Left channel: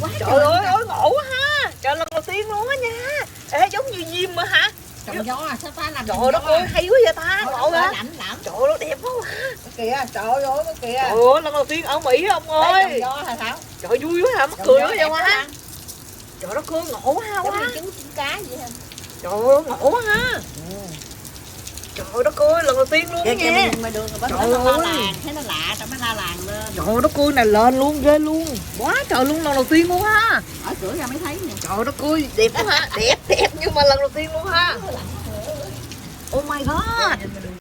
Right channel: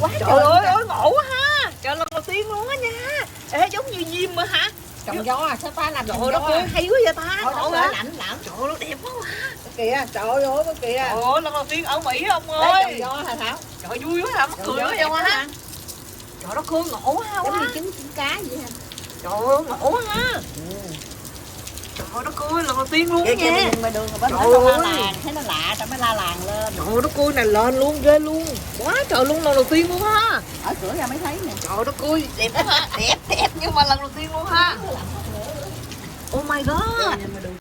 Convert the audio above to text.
Quá Trời ơi ơi ngộ quá ha. Trời lần đầu tiên luôn á nha. Ê giống như diêm mà hả? trồng nho à, sao ta làm Trời trồng ơi nho đất ơi à? hay quá vậy ta. Thôi Ngộ nó hả? lạnh lắm. Trời ơi nó đẹp quá. Kìa, trời ơi cái kìa. Trời ơi lần đầu tiên ở Mỹ ông Đây ơi. trồng nho hả Thảo? Trời vui quá hả? Mắc Trồng cười nho quá đẹp vậy quá ha. ha. Trời đất ơi ngộ quá Giống như quá. trứng cá vậy ha. Trời ơi ngộ quá ha. Trời đất ơi lần đầu tiên luôn Kìa nha. kìa ngoài đường rồi Trời nó la ơi. làng, thấy nó lạ tao mới la làng lên. Trời đất ơi này lên luôn ghê luôn. Quá trời luôn lần đầu tiên luôn ha. Ở cửa ra mới thấy nè. Trời đất ơi đẹp quá ha. Đẹp đẹp nhưng mà lần đầu tiên luôn ha. Oh my god.